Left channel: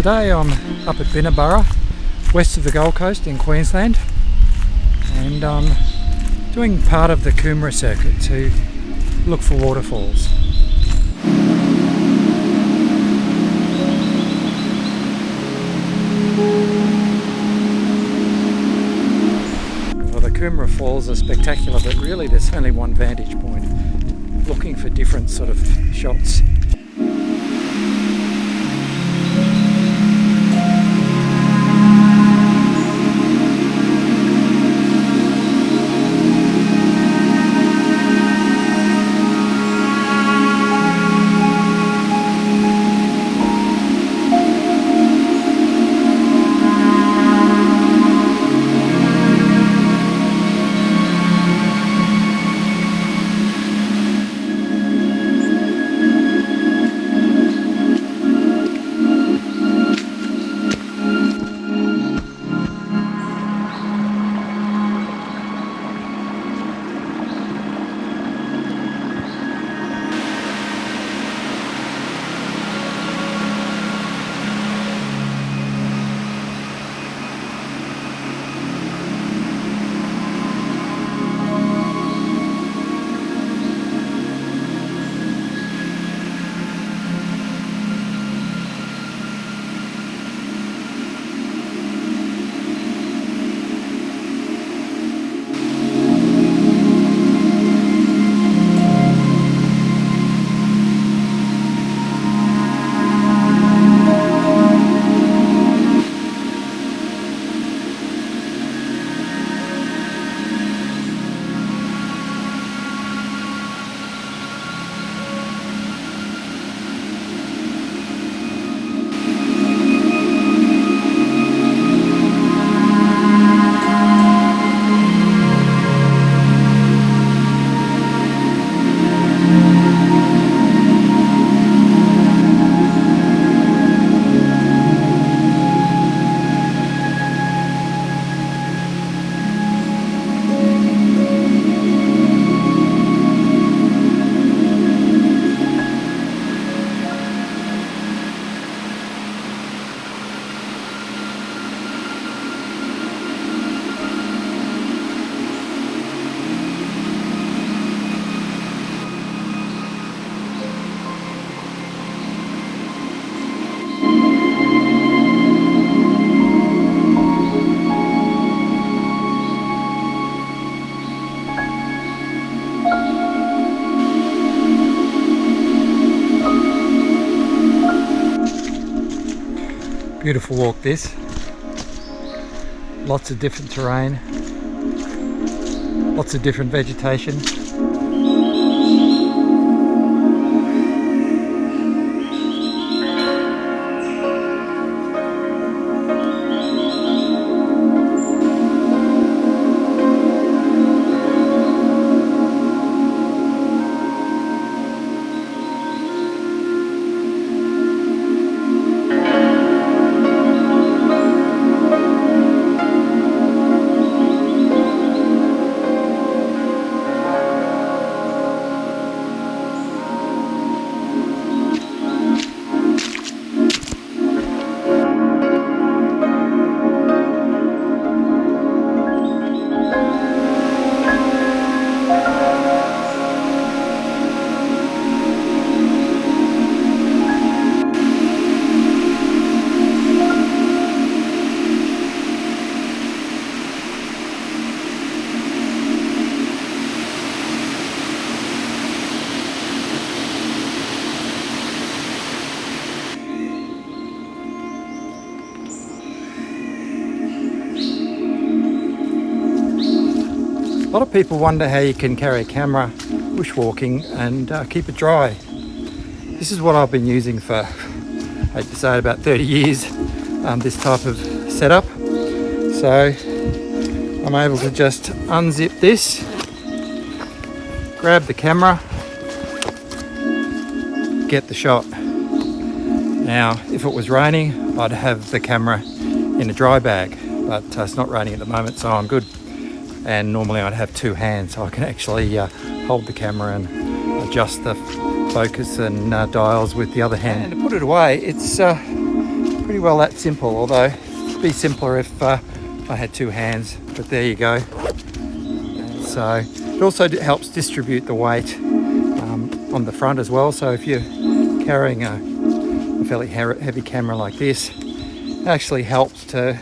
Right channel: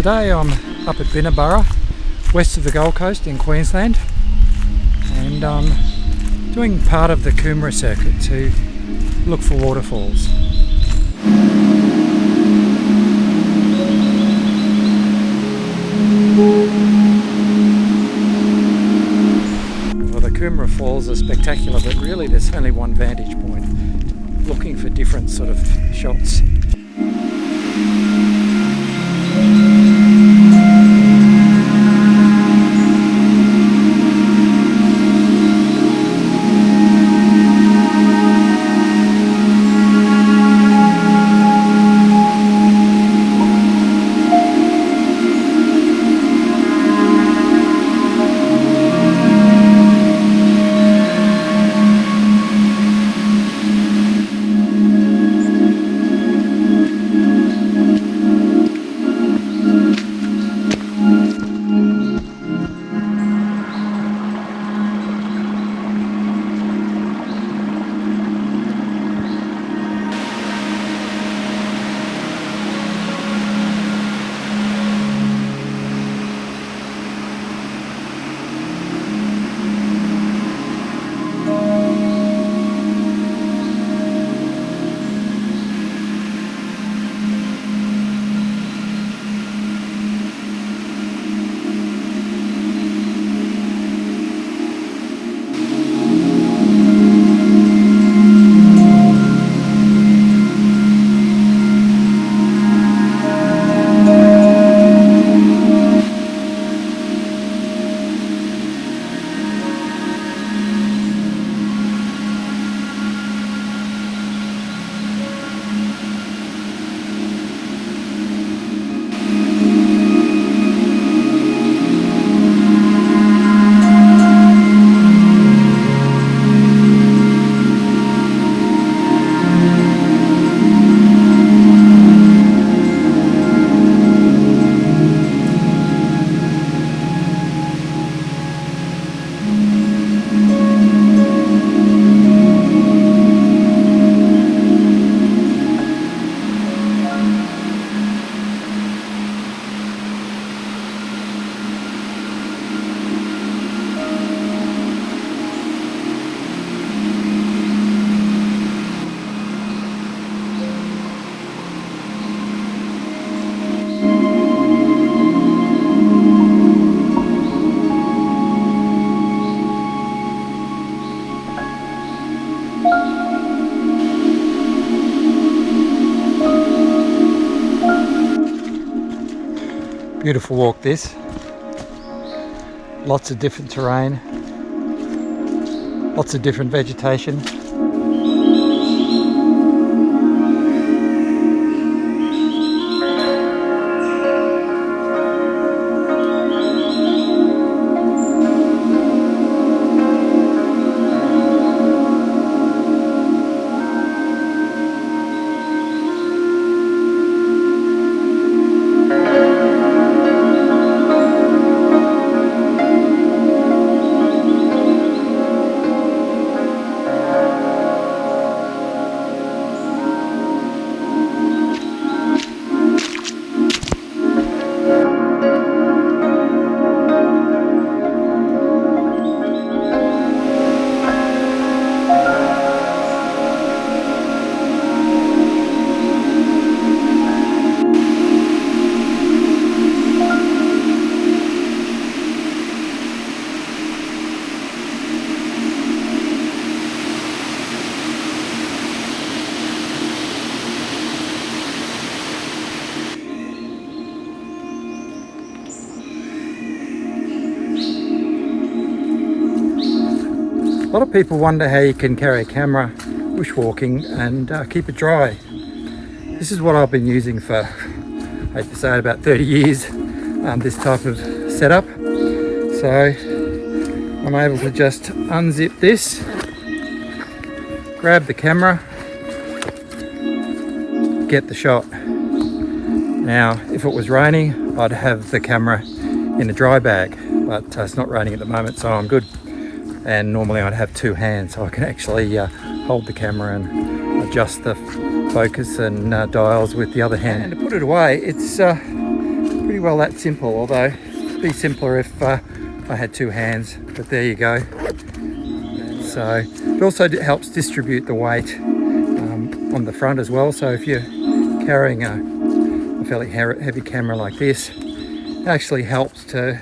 Today I'm up at Binna Burra, west of the Gold Coast in Queensland, and I'm doing part of the Coomera circuit to look for waterfalls. Well, the Coomera Falls are spectacular, but really there's only one vantage point. Looking for different sort of shots. Beautiful walk this. Lots of different terrain, lots of different vegetation. A lot of people wonder how you can carry a camera bushwalking and keep it dry. This is what I've been using for, I hate to say it, about 30 years, this type of setup. So I'm able to just unzip this, grab the camera, get the shot. Now, if it was raining, I'd have the camera in a dry bag, but it's not raining at the moment, so I'm good. And normally I'd have two hands, so I can actually hold the camera and adjust the focus and dials with the other hand. And to put it away, it's pretty well that simple, although it'd be simpler if I had two hands, but there you go. So it also helps distribute the weight on the front as well. So if you're carrying a fairly heavy camera like this, it actually helps to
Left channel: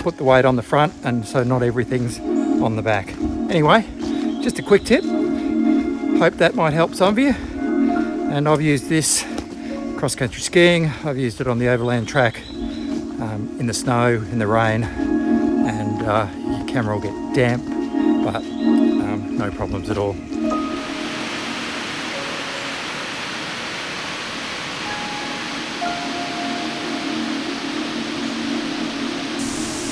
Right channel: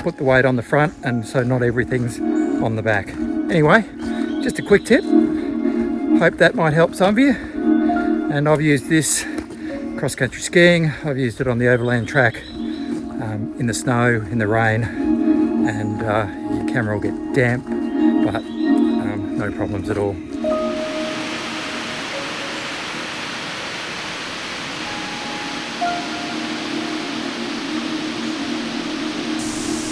put the weight on the front, and so not everything's on the back. Anyway, just a quick tip. Hope that might help some of you. And I've used this cross-country skiing. I've used it on the overland track, in the snow, in the rain, and your camera will get damp, but no problems at all.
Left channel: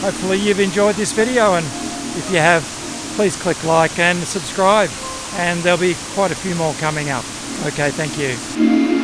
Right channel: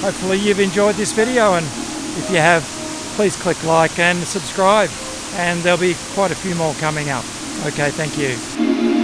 Hopefully you've enjoyed this video, and if you have, please click like and subscribe, and there'll be quite a few more coming up. Okay, thank you.